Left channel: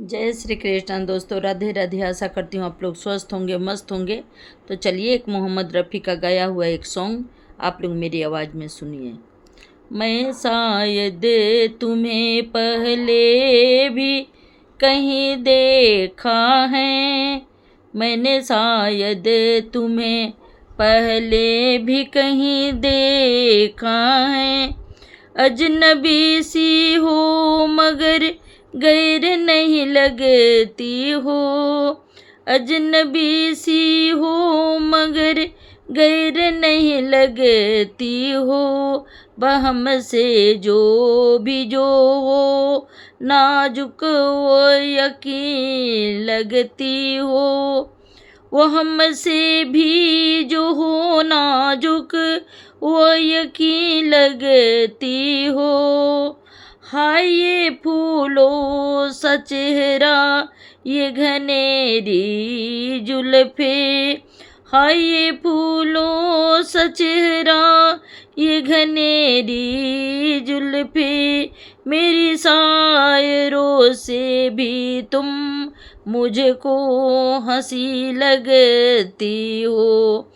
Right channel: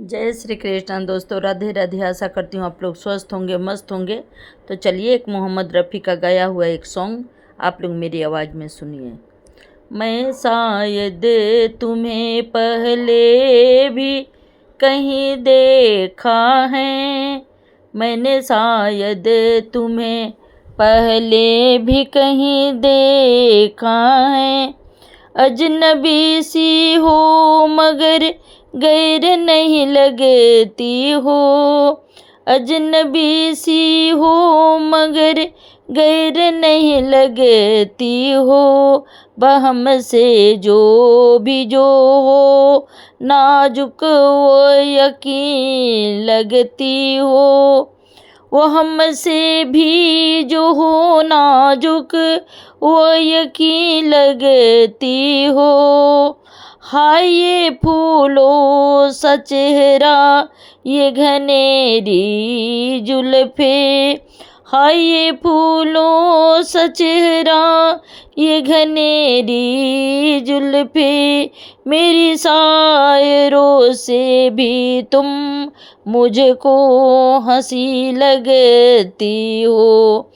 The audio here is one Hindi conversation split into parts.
जय श्री कृष्ण दोस्तों, राधे राधे। आशा करती हूँ आप लोग स्वस्थ होंगे, मस्त होंगे। तो चलिए एक मोहम्मद रफ़ी का गाया हुआ एक सॉन्ग आप लोग मेरी आवाज़ में सुनिए। मैं शायद तुम्हें पहले भी कहीं देखा है, मैंने शायद तुम्हें पहले भी कहीं देखा है। अजनबी सी हो मगर गैर नहीं लगती हो, अजनबी सी हो मगर गैर नहीं लगती हो। बहम से जो हो नाजुक वो यकीन लगती हो, वो हमसे भी जो हो नाजुक वो यकीन लगती हो। हाय ये फूलों सा चेहरा, ये घनेरी जुल्फे, हाय ये फूलों सा चेहरा, ये घनेरी जुल्फे। मेरी शायरों से भी तुम मुझको हंसी लगती हो,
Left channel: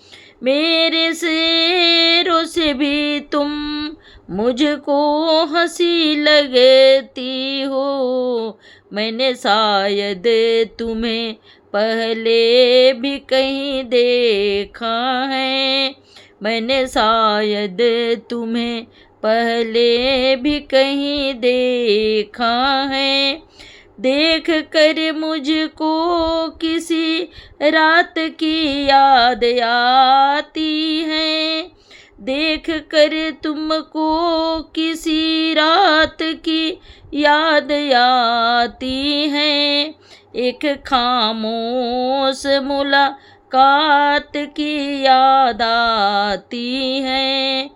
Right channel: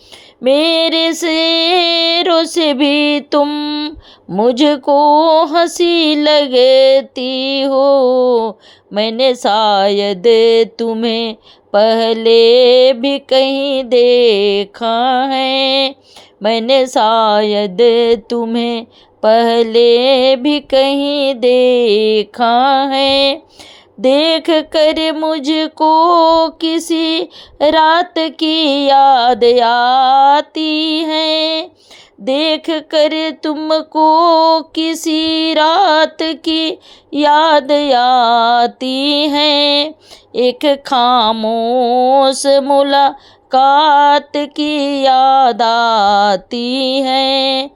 मेरे शेरों से भी तुम मुझको हंसी लगती हो। मैंने शायद तुम्हें पहले भी कहीं देखा है, मैंने शायद तुम्हें पहले भी कहीं देखा है। देख कर मुझको किसी रात की याद आती है, देख कर तुमको किसी रात की याद आती है। एक खामोश मुलाकात की याद आती है,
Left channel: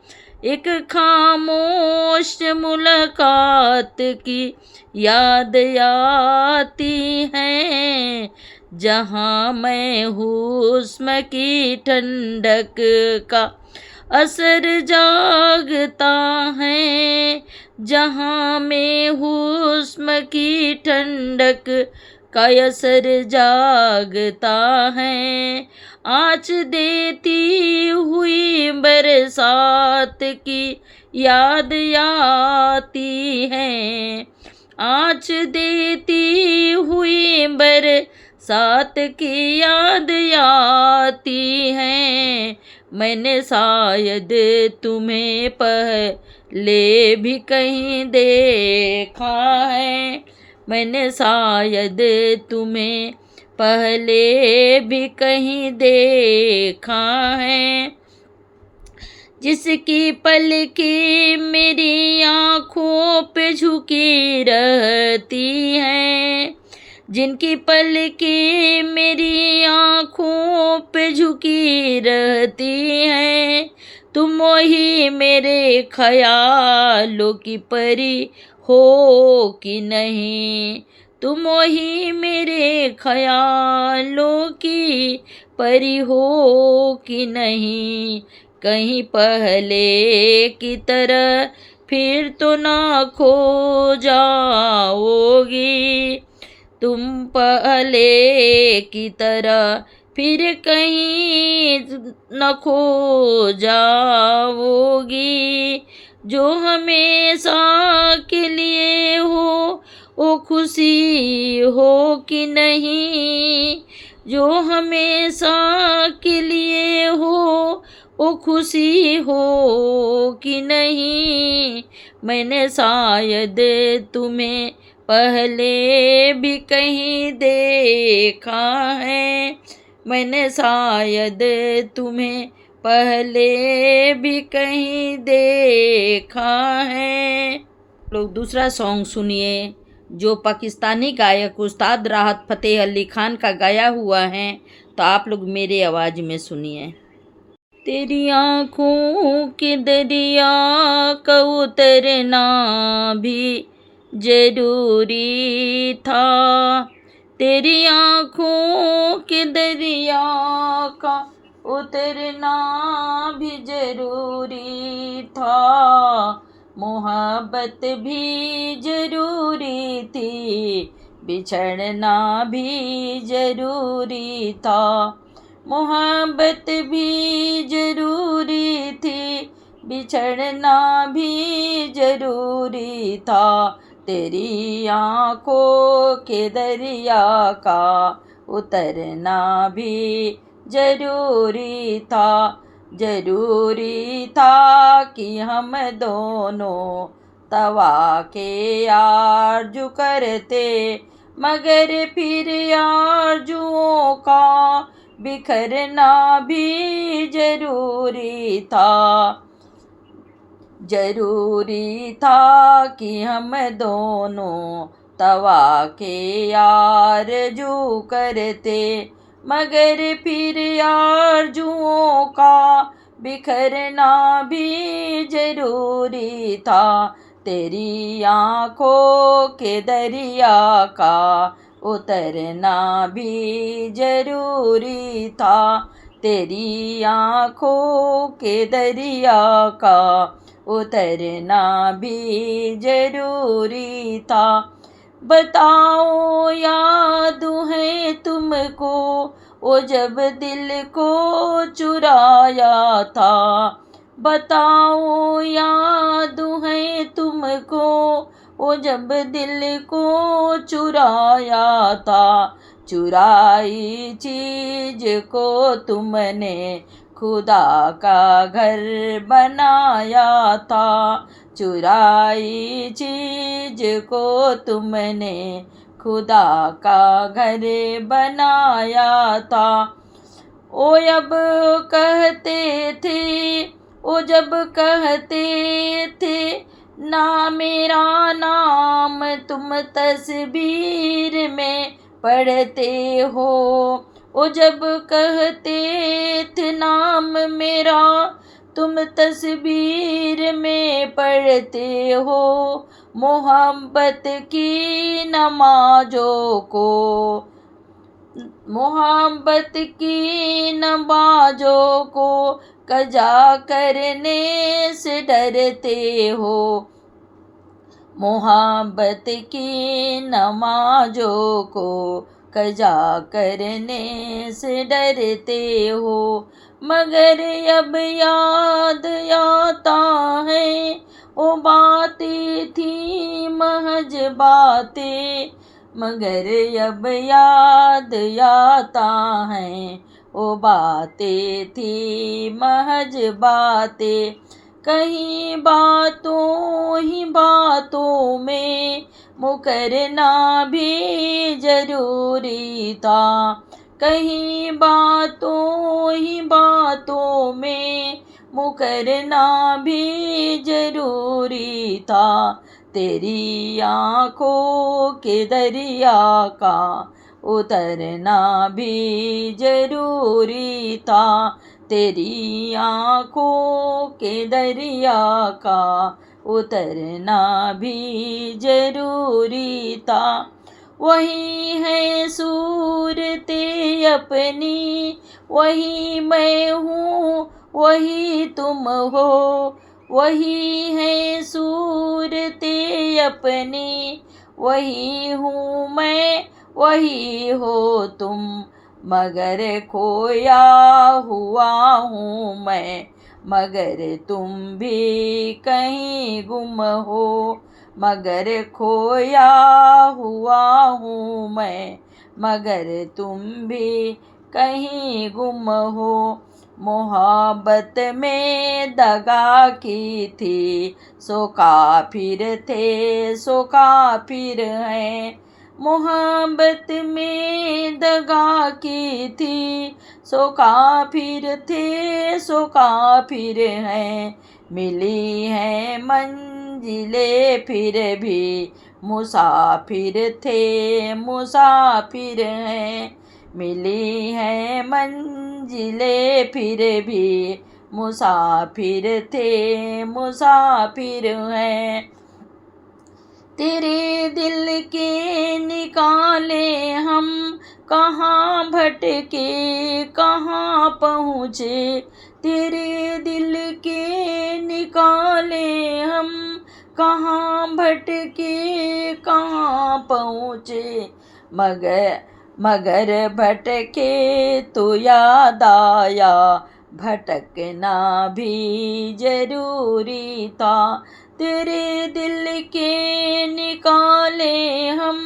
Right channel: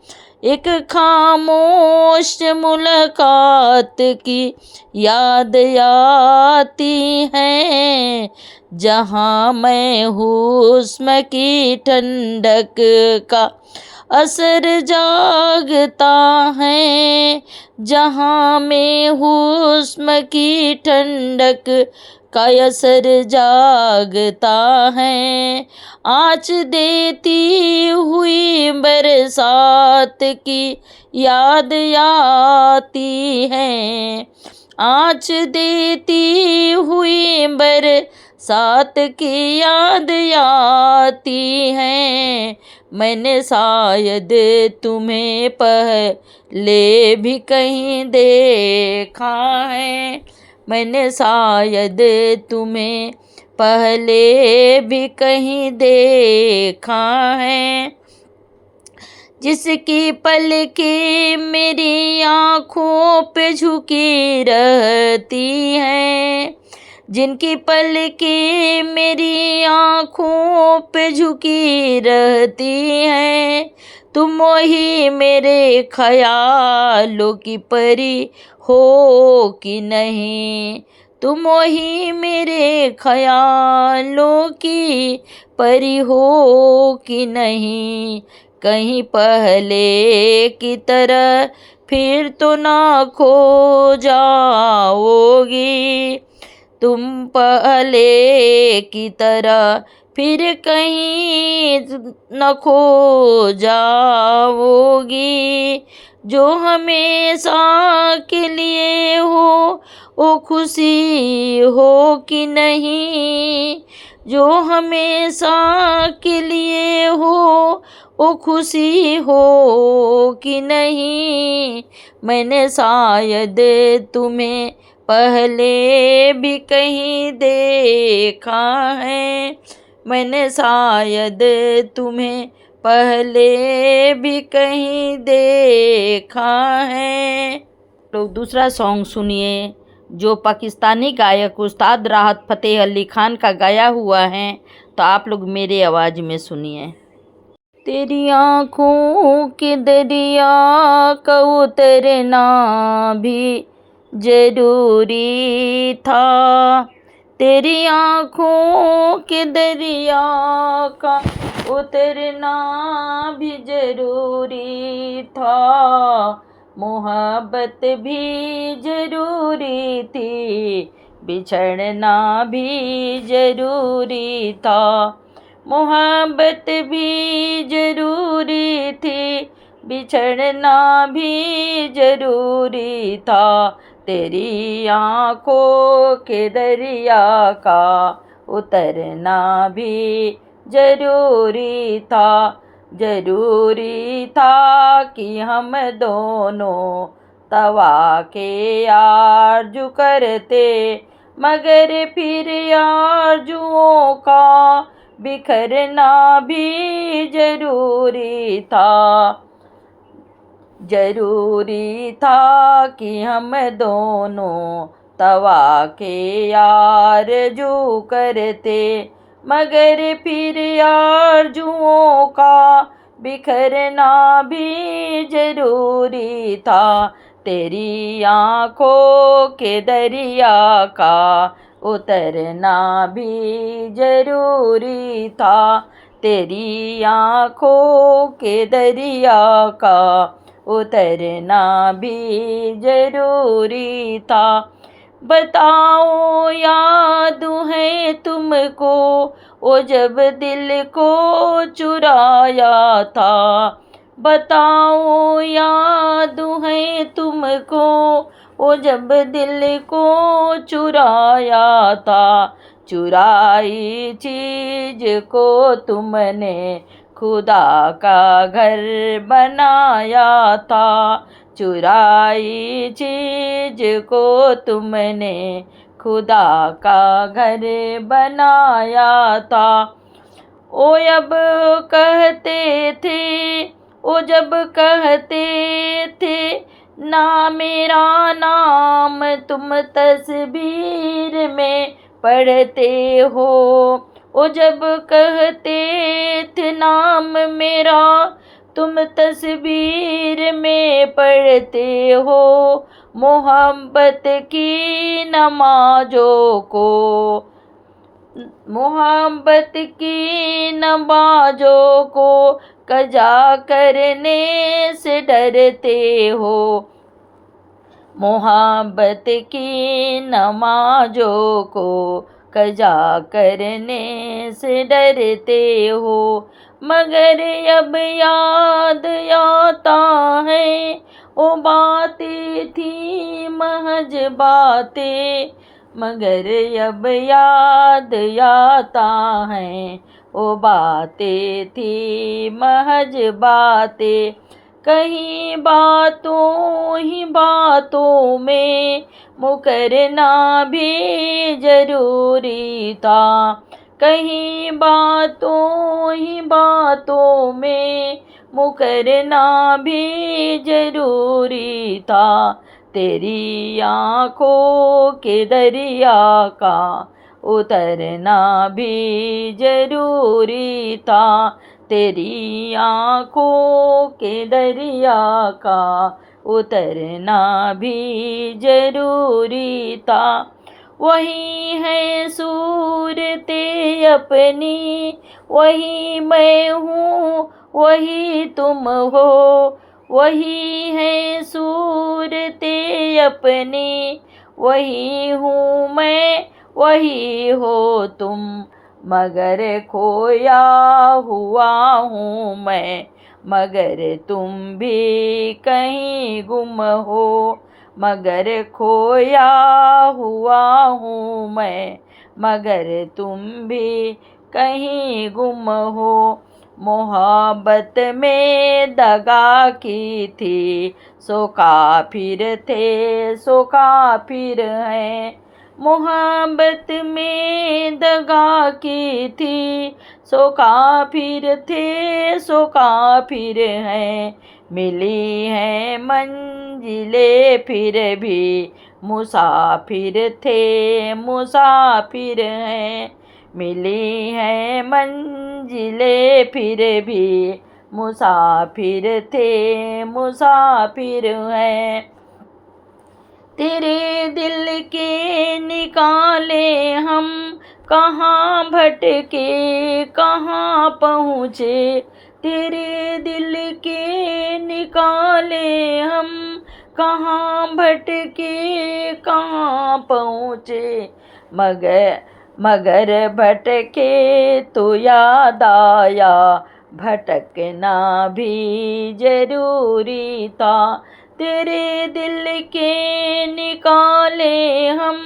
एक खामोश मुलाकात की याद आती है। जहाँ मैं हुस्न की ठंडक का असर जागता है, जहाँ में हुस्न की ठंडक का असर जागता है। आँच देती हुई बरसात की याद आती है, आँच देती हुई बरसात की याद आती है। मैंने शायद तुम्हें पहले भी कहीं देखा है, मैंने शायद तुम्हें पहले भी कहीं देखा है। जिसकी पलकें मेरी आँखों पे झुकी रहती हैं, जिनकी पलकें मेरी आँखों पे झुकी रहती हैं। तुम ही मेरे ख्यालों की परी हो कि नहीं, तुम ही मेरे ख्यालों की परी हो कि नहीं। कहीं पहले की तरह फिर तो ना खो जाओगी, तुम पहले की तरह फिर कहीं न खो जाओगी। जो हमेशा के लिए हो वो खुशी हो कि नहीं, जो हमेशा के लिए हो वो खुशी हो कि नहीं। मैंने शायद तुम्हें पहले भी कहीं देखा है, मैंने शायद तुम्हें पहले भी कहीं देखा है। लोग दूसरा सॉन्ग सुनिए जो पाकिस्तानी गायक उस्ताद राहत फ़तेह अली खान का गाया हुआ है, तो आप लोग मेरे आवाज़ में सुनिए। तेरी आँखों के दरिया का उतरना भी जरूरी था, तेरी आँखों के दरिया का उतरना भी जरूरी था। मोहब्बत भी जरूरी थी, बिछड़ना भी जरूरी था, मोहब्बत भी जरूरी थी, बिछड़ना भी जरूरी था, तेरी आँखों के दरिया का उतरना भी जरूरी था, जरूरी था कि हम दोनों तवा के आरज़ू करते, मगर फिर आरज़ुओं का बिखरना भी जरूरी था, जरूरी था कि हम दोनों तवा के आरज़ू करते, मगर फिर आरज़ुओं का बिखरना भी जरूरी था, तेरी आँखों के दरिया का उतरना भी जरूरी था, तेरी आँखों के दरिया का उतरना भी जरूरी था। बताओ याद है तुमको वो जब दिल को चुराया था, बताओ याद है तुमको वो जब दिल को चुराया था, चुराई चीज को तुमने खुदा का घर बनाया था, चुराई चीज को तुमने खुदा का घर बनाया था। ओ अब कहते थे, ओ जब कहते थे ना मेरा नाम तुम तस्वीर में पढ़ते हो, ओ जब कहते थे नाम मेरा तुम तस्वीर में पढ़ते हो, मोहब्बत की नमाज़ों को, मोहब्बत की नमाज़ों को कज़ा करने से डरते हो, मोहब्बत की नमाज़ों को कज़ा करने से डरते हो, मगर अब याद आता है वो बातें थी महज बातें, मगर अब याद आता है वो बातें थी महज बातें, कहीं बातों ही बातों में मुकरना भी जरूरी था, कहीं बातों ही बातों में मुकरना भी जरूरी था, तेरी आँखों के दरिया का उतरना भी जरूरी था, तेरी आँखों के दरिया का उतरना भी जरूरी था, वही है सूरते अपनी, वही मैं हूँ वही तुम हो, वही है सूरते अपनी, वही हूँ मैं वही हो तुम, मगर खोया हुआ हूँ मैं, मगर तुम भी कहीं गुम हो, मगर खोया हुआ हूँ मैं, मगर तुम भी कहीं गुम हो, मोहब्बत में दगा की थी सो काफिर थे सो काफिर हैं, मोहब्बत में दगा की थी सो काफिर थे सो काफिर हैं, मिली हैं मंजिले फिर भी मुसाफिर थे मुसाफिर हैं, मिली हैं मंजिले फिर भी मुसाफिर थे मुसाफिर हैं, तेरे दिल के निकाले हम कहाँ भटके कहाँ पहुँचे, तेरे दिल के निकाले हम कहाँ भटके कहाँ पहुँचे, मगर भटके तो याद आया, भटकना भी जरूरी था। तेरे दिल के निकाले हम,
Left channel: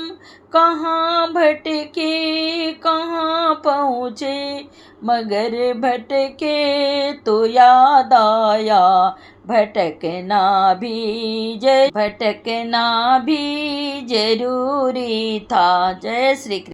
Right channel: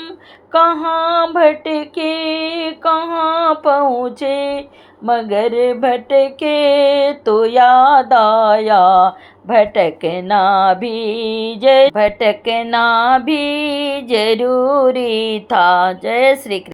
कहाँ भटके कहाँ पहुँचे, मगर भटके तो याद आया, भटकना भी जरूरी था। जय श्री कृष्ण।